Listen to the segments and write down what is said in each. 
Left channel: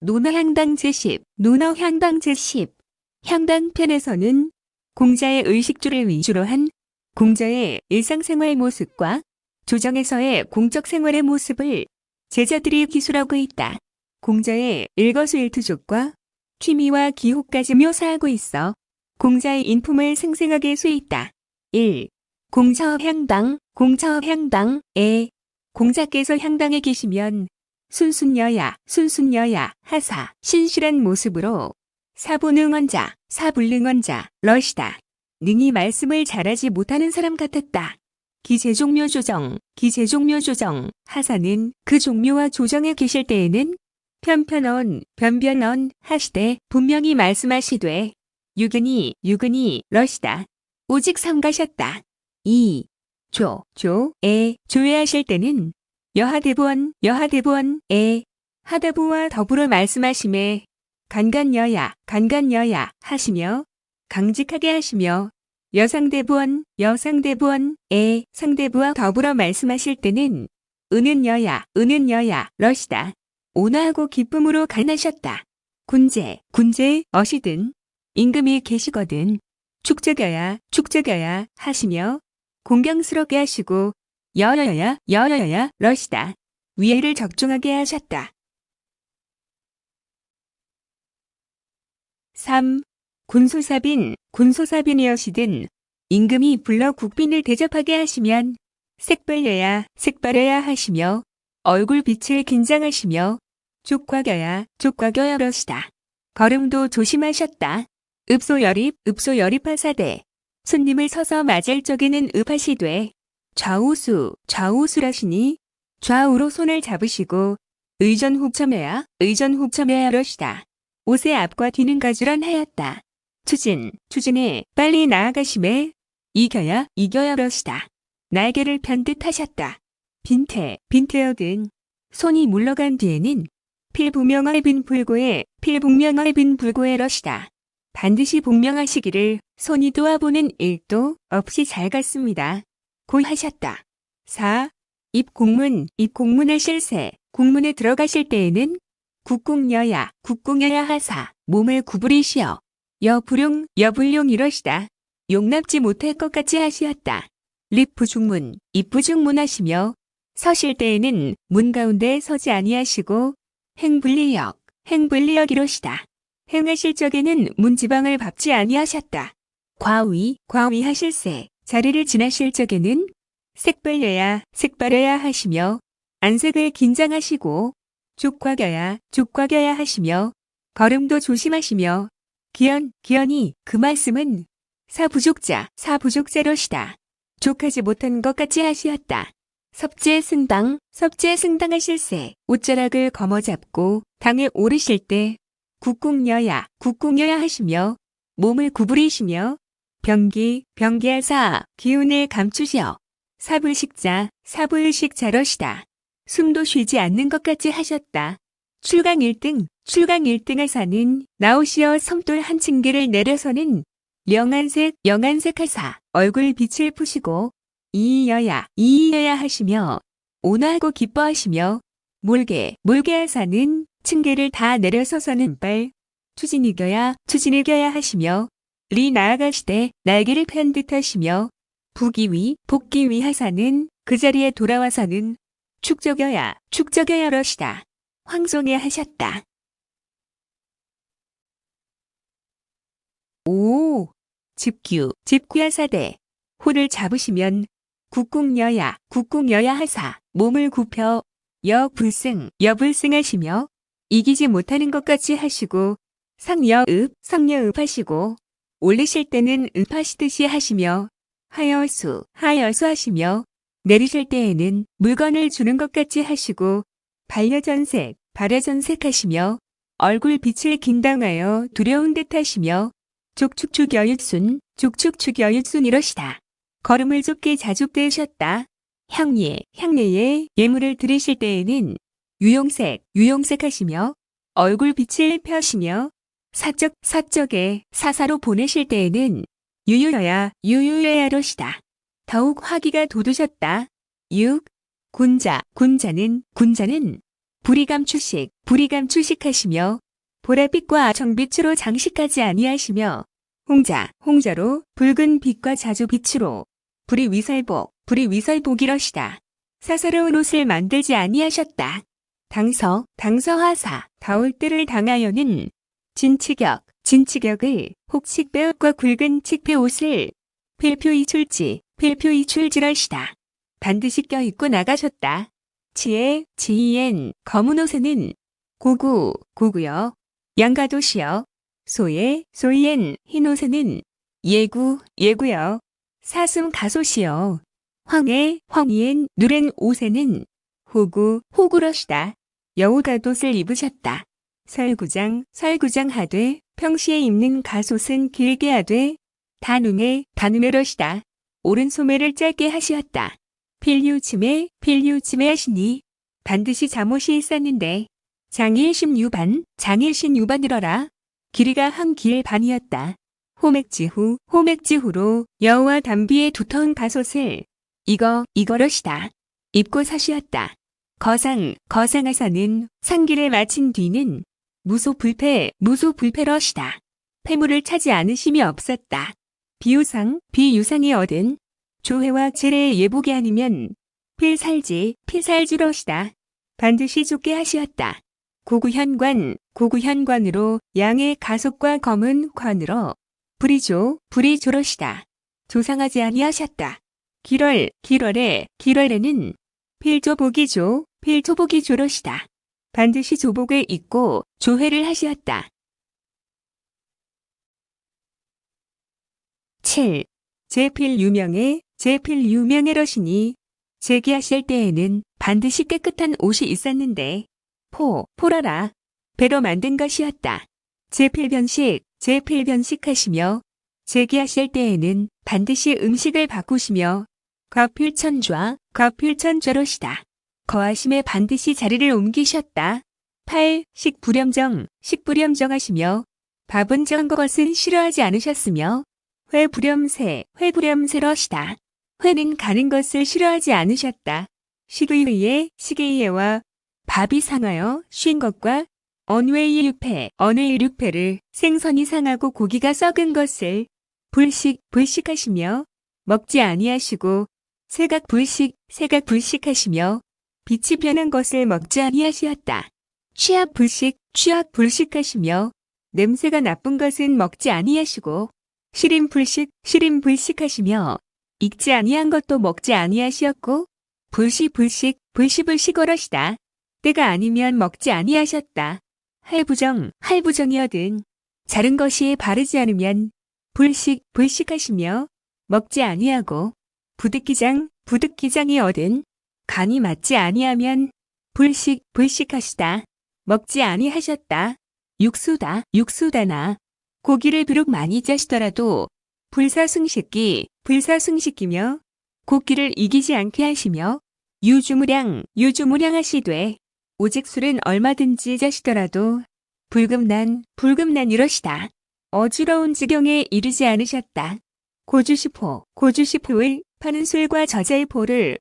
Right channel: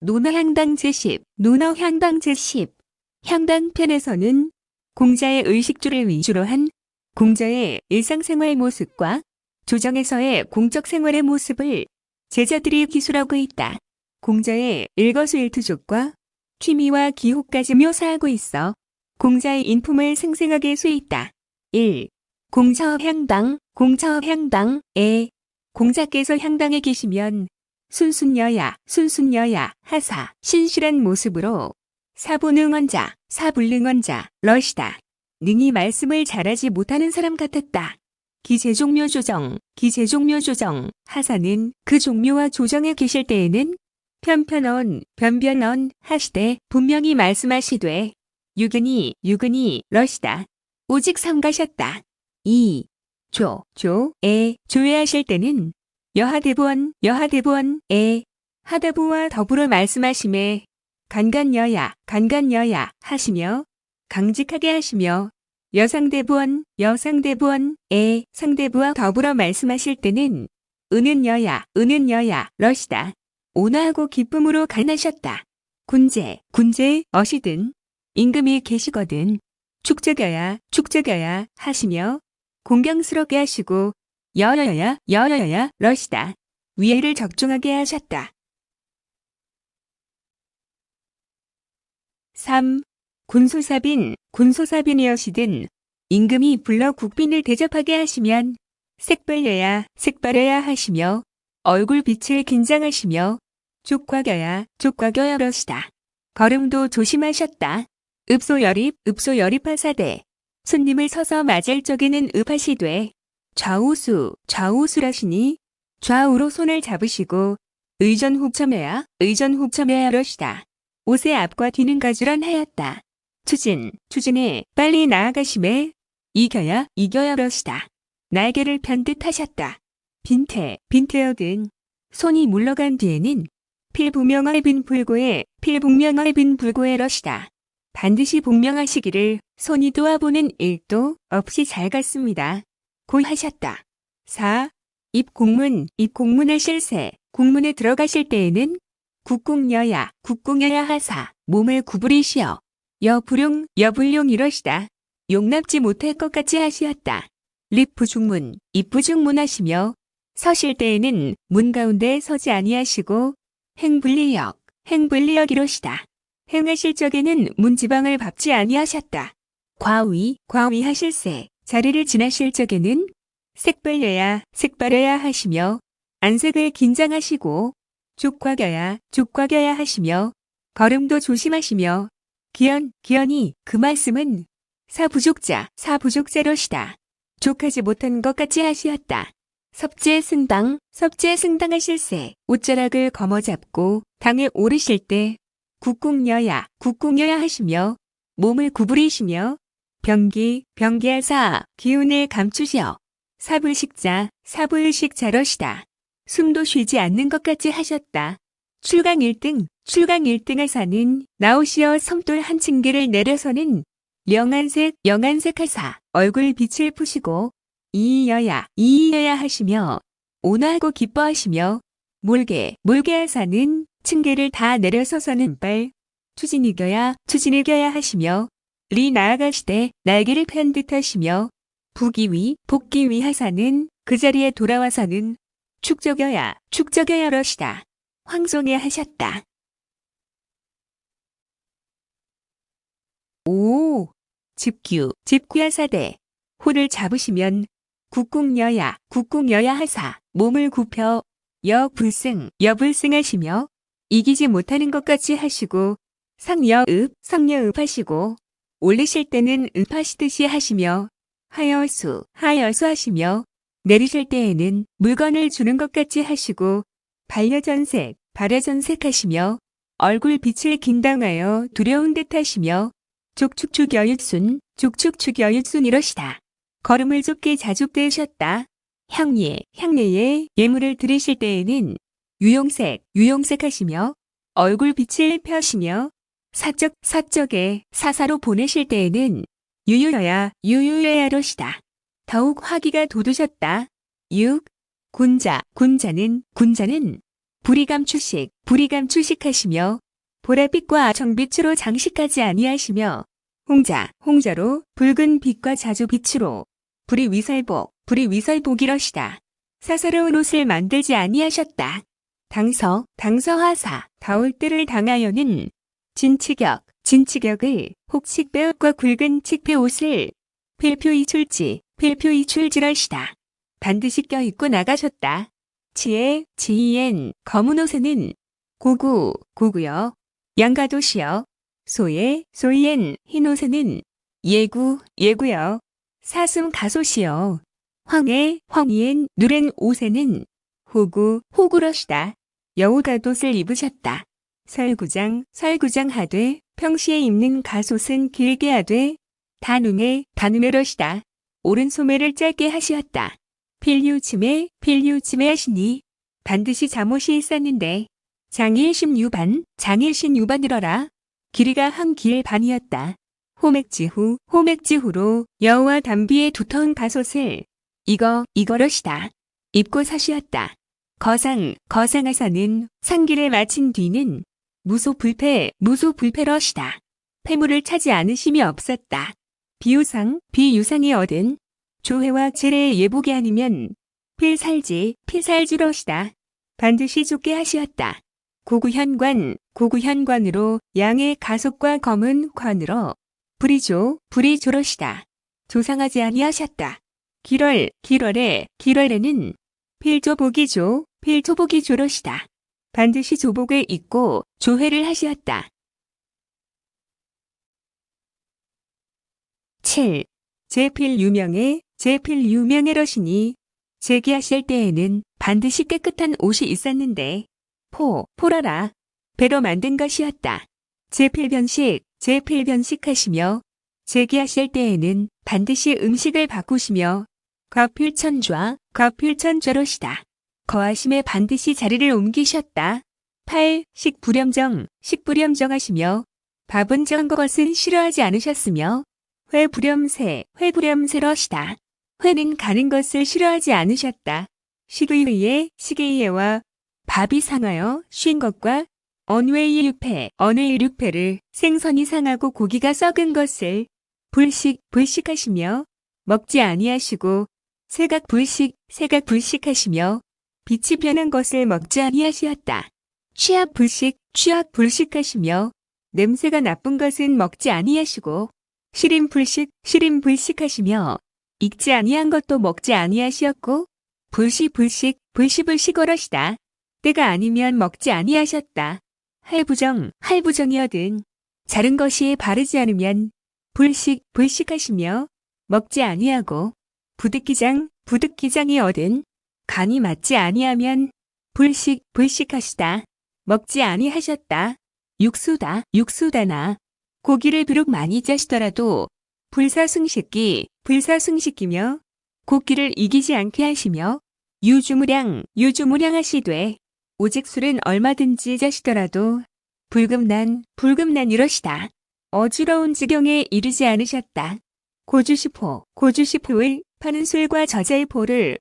논어향당 제10, 논어향당 제10. 향당편에서는 공자의 의식주를 위주로 한 공자의 일상생활 모습과 조정에서의 공적 생활의 모습을 제자들이 기술하고 있다. 공자의 일거수일투족과 취미와 기호까지 묘사하고 있어 공자의 인품을 생생하게 수있다. 1. 공자업 향당, 공자업 향당에 공자께서 향당에 계시면 순순여야, 순순여야, 하사, 신실한 모습으로 사부능언자, 사불능언자, 러시다. 능히 말씀을 잘하지 못하는 사람 같았다. 기재종묘조정, 기재종묘조정, 하사는 그 종묘와 조정에 계실 때에는 편편언, 변변언 하시되 분명히 말씀하시되 유근히, 유근히, 러시다. 오직 삼가셨다. 2. 조에 조회하실 때는 여하대부원, 여하대부원에 하대부와 더불어 말씀하심에 간간여야, 간간여야 하시며 강직하게 하시며 여상대부원, 여상대부원에 상대부와 더불어 말씀하실 때는 은은여야, 은은여야 러시다. 온화하고 기쁨으로 간하셨다. 군제, 군제 어시든 임금이 계시거든 축적여야, 축적여야 하시며 공경스럽게 하시고 여여야, 여여야 러시다. 위해를 적중하게 하셨다. 3. 군소사빈, 군소사빈이여시든 임금이 불러 국빈을 대접하게 하시면 색발여야, 색발여야 하시며 얼굴빛을 긴장하시며 족과겨야, 족과겨야 러시다. 걸음도 조심하셨다. 읍소여립, 읍소여립하사대 손님을 서서 맞을 적에는 읍하시되 좌우수, 좌우수라시니 좌우로 손을 잡으시고 의전훅첨해야, 의전훅첨해야 러시다. 옷의 앞과 뒤는 가주란 하였다. 추진, 추진에 빨리 나아가심에 이겨야, 이겨야 러시다. 날개를 편듯하셨다. 빈태, 빈태여든 손이 물러간 뒤에는 필북명의 빈불고에, 필북명의 빈불고에 러시다. 반드시 복명하시기를 손이 도와보는 일도 없이 잘 갔습니다. 고 하셨다. 4. 입공문하실 새, 공문에 들어가실 때에는 국공여야, 국공여야 하사, 몸을 구부리시어 여불용, 여불용 이러시다. 용납지 못할 것 같이 하시었다. 립부중문, 입부중문 하시며 서실 때에는 문 가운데 서지 아니하시고 행불리역, 행불리역 이러시다. 행하실 적에는 문지방을 밟지 아니하셨다. 과위, 과위 하실세 자리를 지나실 적에는 색발려야, 색발려야 하시며 안색을 긴장하시고 족과겨야, 족과겨야 하시며 걸음도 조심하시며 기연, 기연이 그 말씀은 사부족자, 사부족자로시다. 족하지 못한 것 같이 하시었다. 섭제승당, 섭제승당하실세 옷자락을 거머잡고 당에 오르실 때 국공여야, 국공여야 하시며 몸을 구부리시며 병기, 병기하사 기운을 감추시어 사불식자, 사불식자러시다. 숨도 쉬지 않는 것 같이 하셨다. 출강 1등, 출강 1등 하사는 나오시어 섬돌 한 층계를 내려서는 영안색, 영안색 하사 얼굴 빛을 푸시고 이여야, 이여야 하시며 온화하고 기뻐하시며 몰개, 몰개 하사는 층계를 다 내려서서는 빨 추진이겨야, 추진이겨야 하시며 리 나아가시되 날개를 편듯하시며 부기위, 복기위 하사는 그 자리에 돌아와서는 축적여야, 축적여야 러시다. 황송해 하셨다. 5. 집규, 집규하사대 호를 잡으시면 국공여야, 국공여야 하사 몸을 굽혀 여불승, 여불승하시며 이기지 못하는 것 같이 하시고 상여읍, 상여읍 하시고 올리실 때는 읍하시듯이 하시며 하여수, 하여수 하시며 내리실 때에는 물건을 주는 것 같이 하시고 반려전색, 반려전색 하시며 얼굴 빛을 긴당하여 두려운 듯 하시며 족축축여윳순, 족축축여윳순 이러시다. 걸음을 좁게 자줍대셨다. 향예, 향예에 예물을 드리실 때에는 유용색, 유용색 하시며 얼굴 빛을 펴시며 사적, 사적에 사사로 보내실 때에는 유유여야, 유유여야 러시다. 더욱 화기가 돋으셨다. 6. 군자, 군자는 불이감추식하시며 보랏빛과 정빛으로 장식하지 아니하시며 홍자로 붉은 빛과 자주 빛으로 불이위설복이러시다. 사사로운 옷을 만들지 아니하셨다. 당서하사 다올 때를 당하여는 진치격을 혹칙배옷과 굵은 칙배옷을 필표이출지러시다. 반드시 껴입고 나가셨다. 지이엔 검은 옷에는 고구여 양가도시여 소이엔 흰 옷에는 예구여 사슴 가소시여 황이엔 누른 옷에는 호구러시다. 여우가옷을 입으셨다. 설구장 하되 평시에 입는 가솥은 길게 하되 단음에러시다. 오른 소매를 짧게 하시었다. 필류침에 하시니 반드시 잠옷이 있었는데 장일신유반이러라. 길이가 한 길 반이었다. 호맥지후로 여우와 담비의 두터운 가솥을 이거러시다. 입고 사시었다. 거상하사는 상기를 마친 뒤는 무소불패러시다. 폐물을 차지 않으심이 없었다. 비유상이 얻은 조회와 제례의 예복이 아니면 필살주러시다. 반드시 쫓게 하시었다. 고구현관으로 양의 가속과 검은 관으로 불이조러시다. 조상하지 아니하셨다. 길월에는 필조복이조러시다. 반드시 조복을 입고 조회를 하시었다. 7. 제필유명해러시니 제기하실 때에는 반드시 깨끗한 옷이 있었는데 포라라 배로 만든 것이었다. 제필변식하시며 제기하실 때에는 반드시 음식을 바꾸시며 거필천좌러시다. 거하심에 반드시 자리를 옮기셨다. 8. 식불염정하시며 밥은 정 것은 싫어하지 않으셨으며 회불염새러시다. 회는 가는 것을 싫어하지 않으셨다. 시기의와 밥이 상하여 쉰 것과 언웨의 육패를 생선이 상하고 고기가 썩은 것을 불식하시며 먹지 아니하시고 세각불식하시며 빛이 변한 것을 먹지 아니하시었다. 취약불식하시며 냄새가 나쁜 것은 먹지 아니하시고 시림불식하시며 익지 아니한 것도 먹지 아니하시었고 불시불식어러시다. 때가 아니면 먹지 아니하셨다. 할부정이어든 자른 것이 바르지 않으면 불식하시며 먹지 아니하고 부득기장이어든 간이 맞지 아니하면 불식하시다. 먹지 아니하셨다. 육수다나 고기를 비록 많이 짜시더라도 불사승식기며 고기를 이기지 않게 하시며 유주무량 하시되 오직 술은 얼마든지 자시더라도 불금난 어지러운 지경에 이르지 않으셨다. 고주시포를 파는 술과 저자의 포를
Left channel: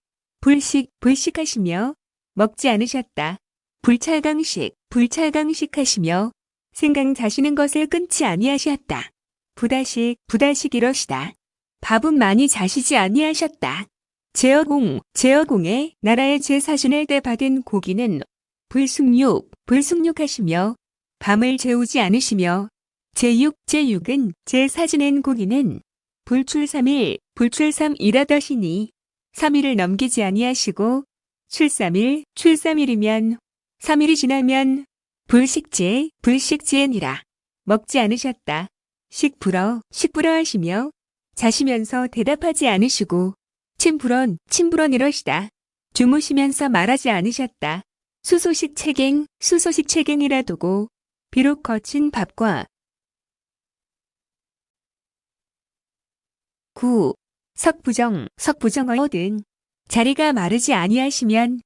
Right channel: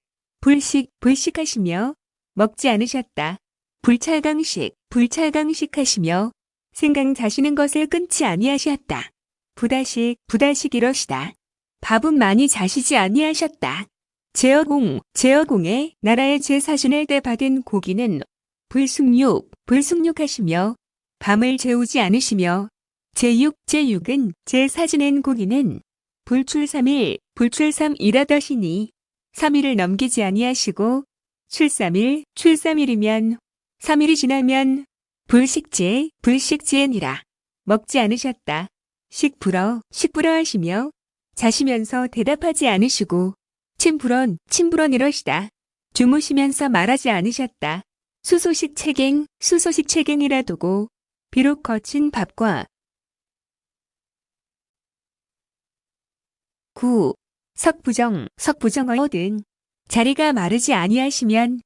불식하시며 먹지 않으셨다. 불찰강식하시며 생강 자시는 것을 끊지 아니하셨다. 부다식이러시다. 밥은 많이 자시지 아니하셨다. 제어공의 나라의 제사신을 때 받은 고기는 불숙육하시며 밤을 재우지 않으시며 제육은 제사지낸 고기는 불출삼일이라더시니 3일을 넘기지 아니하시고 출삼일이면 3일이 지나면 불식지에니라. 먹지 않으셨다. 식불어 하시며 자시면서 대답하지 않으시고 침불언이러시다. 주무시면서 말하지 않으셨다. 수소식체갱이라도고 비록 거친 밥과 9. 석부정어든 자리가 마르지 아니하시면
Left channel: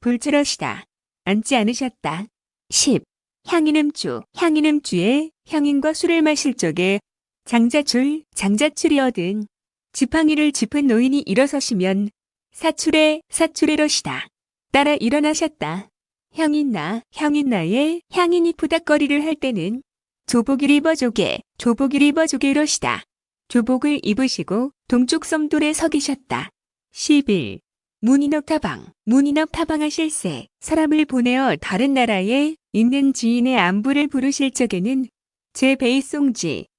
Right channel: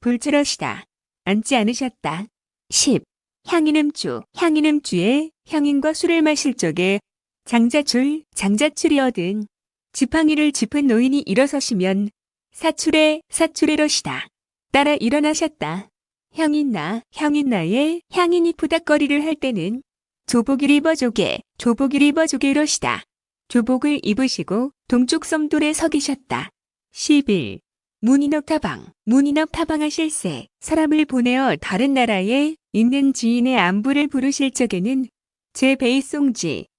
불자러시다. 앉지 않으셨다. 10. 향인음주에 향인과 술을 마실 적에 장자출이어든 지팡이를 짚은 노인이 일어서시면 사출에러시다. 따라 일어나셨다. 향인나의 향인이 푸닥거리를 할 때는 조복을 입어조개 이러시다. 조복을 입으시고 동쪽 섬돌에 서 계셨다. 11. 문인업 타방하실세 사람을 보내어 다른 나라에 있는 지인의 안부를 부르실 적에는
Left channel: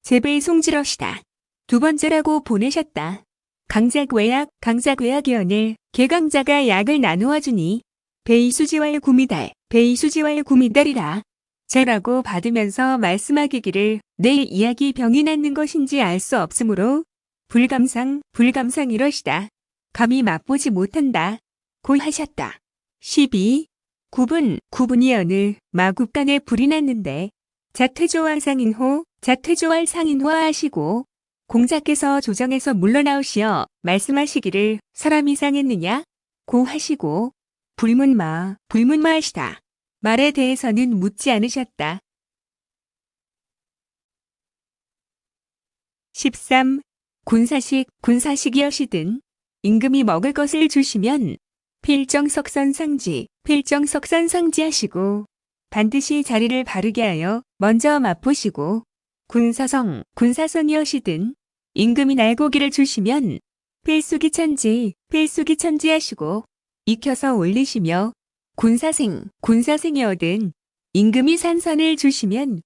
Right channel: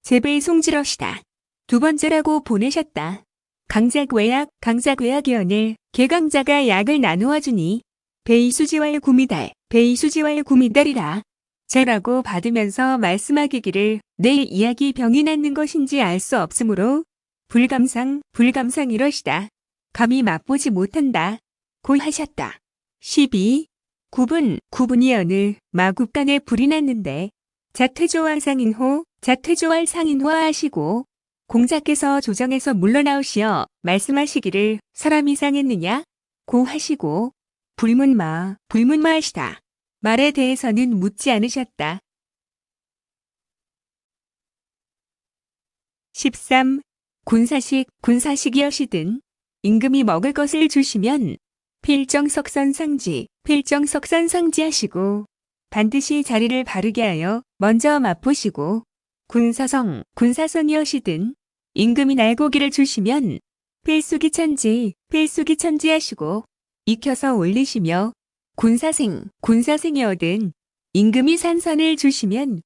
제베이송지러시다. 두 번째라고 보내셨다. 강작외약연을 개강자가 약을 나누어 주니 베이수지왈 구미달이라. 제라고 받으면서 말씀하기를 내일 이야기 병이 낫는 것인지 알 수 없으므로 불감상 이러시다. 감히 맛보지 못한다. 고 하셨다. 12. 구분이 어느 마국간에 불이 났는데 자퇴조할 상인호 하시고 공자께서 조정에서 물러나오시어 말씀하시기를 사람이 상했느냐? 고 하시고 불문마 하시다. 말에 대해서는 묻지 않으셨다. 13. 군사식이여시든 임금이 먹을 것을 주시면 필정석선상지 하시고 반드시 자리를 바르게 하여 먼저 맛보시고 군사선이여시든 임금이 날고기를 주시면 필수기천지 하시고 익혀서 올리시며 군사생이여든 임금이 산선을 주시면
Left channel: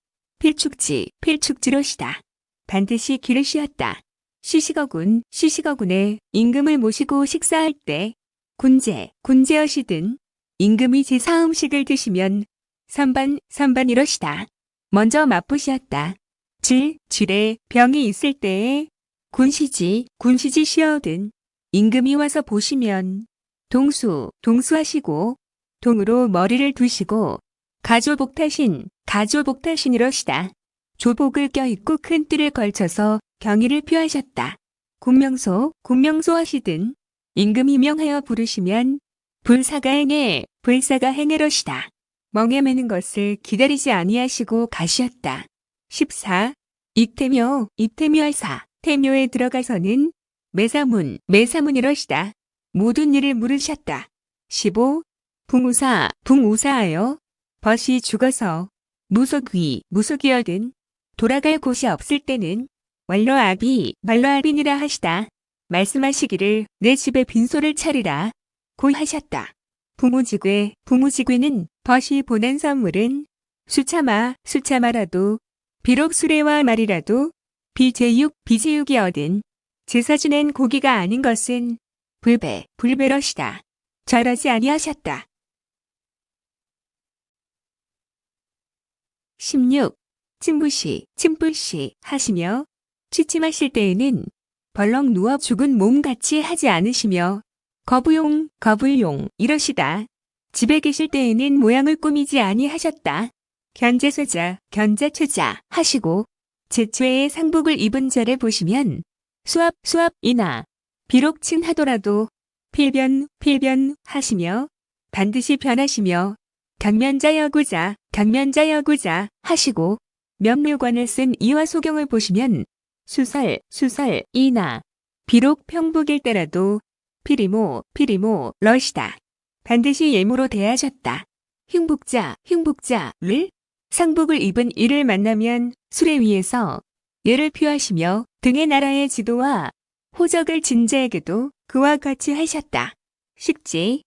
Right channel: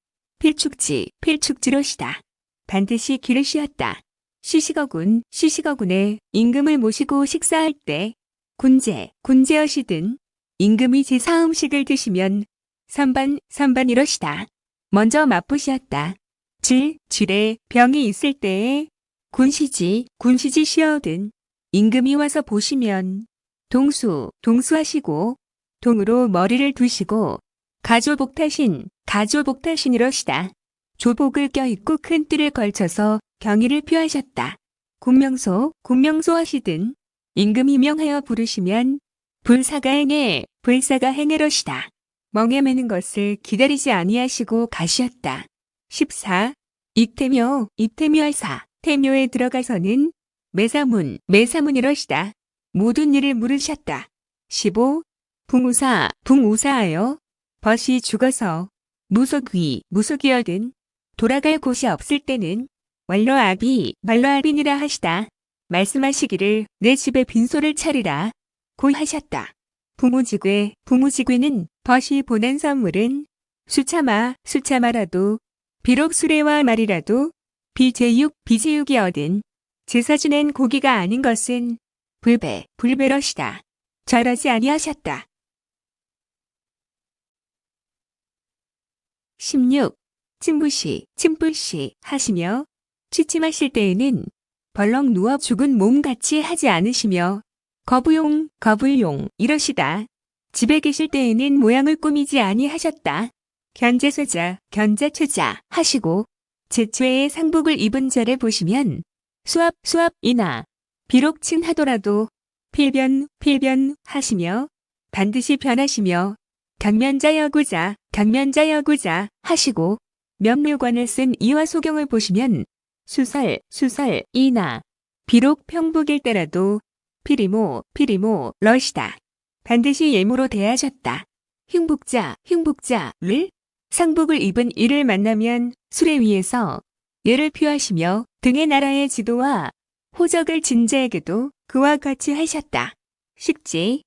필축지로시다. 반드시 기르시었다. 시식어군에 임금을 모시고 식사할 때 군제여시든 임금이 제사음식을 드시면 선반이러시다. 먼저 맛보시었다. 질에 병이 있을 때에 군시지시어든 임금이 와서 보시면 동수하시고 동으로 머리를 두시고 가조복타신이러시다. 조복을 껴입고 큰 뜰을 걸쳐서 경의를 표하셨다. 군명소 하시든 임금이 명하여 부르시면 불사가행해러시다. 멍에 매는 것을 기다리지 아니하시고 가시었다. 14. 입태묘할사 태묘에 들어가서는 매사문이러시다. 모든 일을 물으셨다. 15. 붕우사하여 벗이 죽어서 무속이여든 돌아갈 곳이 없을 때는 말로아빈이라 하시다. 말씀하시기를 내 집에 빈소를 차리라. 고 하셨다. 부무지괴는 벗이 보낸 선물은 수차마라도 비록 수레와 말이라도 비제육이 얻은 제사 지낸 고기가 아닌 것은 불배러시다. 절하지 아니하셨다. 16. 침부시 하시며 취침하실 때에는 벌렁 누워 죽은 몸같이 하지 않으시며 거부용 이러시다. 집에 계실 때에는 모양을 꾸미지 아니하셨다. 견제최자 하시고 제초에 상복을 입은 자를 보시면 수압이나 비록 칭하더라도 필변 하시며 반드시 변하시며 강면자여구자 하시고 면류관을 쓴 이화 소경을 보시면 수설이나 비록 평복일 때라도 피리모 러시다. 반드시 예무로 대하셨다. 흉복자를 상복을 입은 이를 만나면 수레 위에서 예를 표하시며 등의 나라의 지도와 호적을 진 자에게도 그와 같이 하셨다. 식지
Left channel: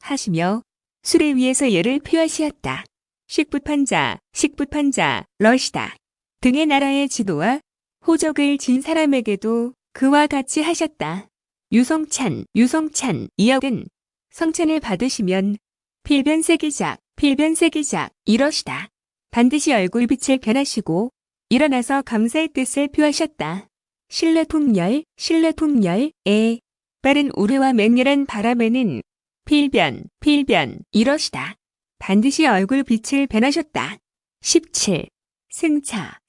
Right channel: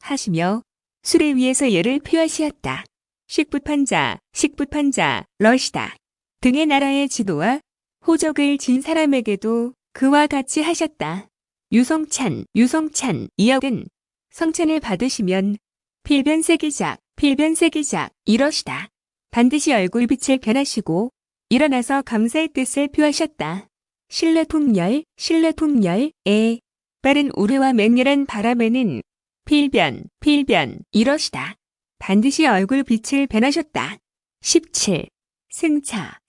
하시며 수레 위에서 예를 표하시었다. 식부판자 러시다. 등의 나라의 지도와 호적을 진 사람에게도 그와 같이 하셨다. 유성찬 이역은 성찬을 받으시면 필변세기작 이러시다. 반드시 얼굴빛을 변하시고 일어나서 감사의 뜻을 표하셨다. 신뢰풍열에 빠른 우레와 맹렬한 바람에는 필변 이러시다. 반드시 얼굴빛을 변하셨다. 17. 승차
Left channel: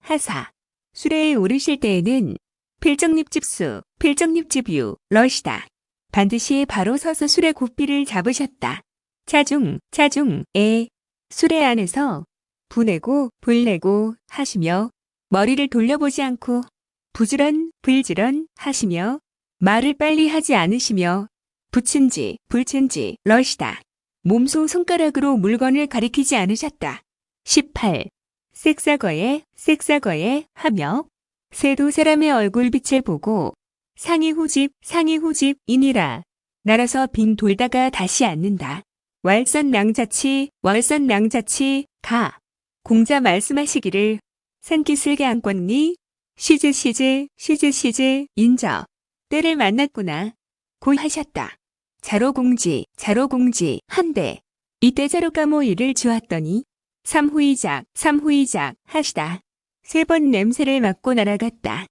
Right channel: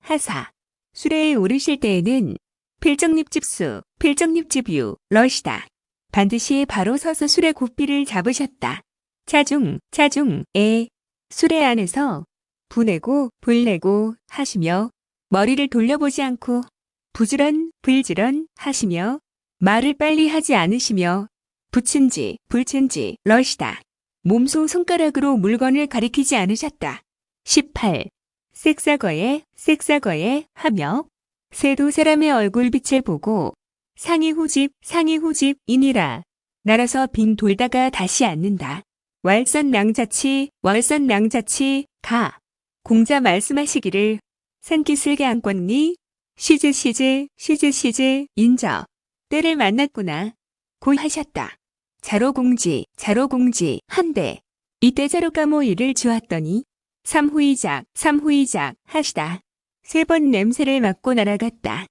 하사 수레에 오르실 때에는 필정립집유 러시다. 반드시 바로 서서 수레 고삐를 잡으셨다. 차중에 수레 안에서 불내고 하시며 머리를 돌려보지 않고 불지런 하시며 말을 빨리 하지 않으시며 불친지 러시다. 몸소 손가락으로 물건을 가리키지 않으셨다. 18. 섹사거에 하며 새도 사람의 얼굴빛을 보고 상이 후집이니라. 날아서 빙 돌다가 다시 앉는다. 월선낭자치 가. 공자 말씀하시기를 산기슭에 안건니 시즈 인저 때를 만났구나 고 하셨다. 자로공지 한데 이때 자로가 모이를 주었더니 삼후이작 하시다. 3번 냄새를 맡고 날아갔다.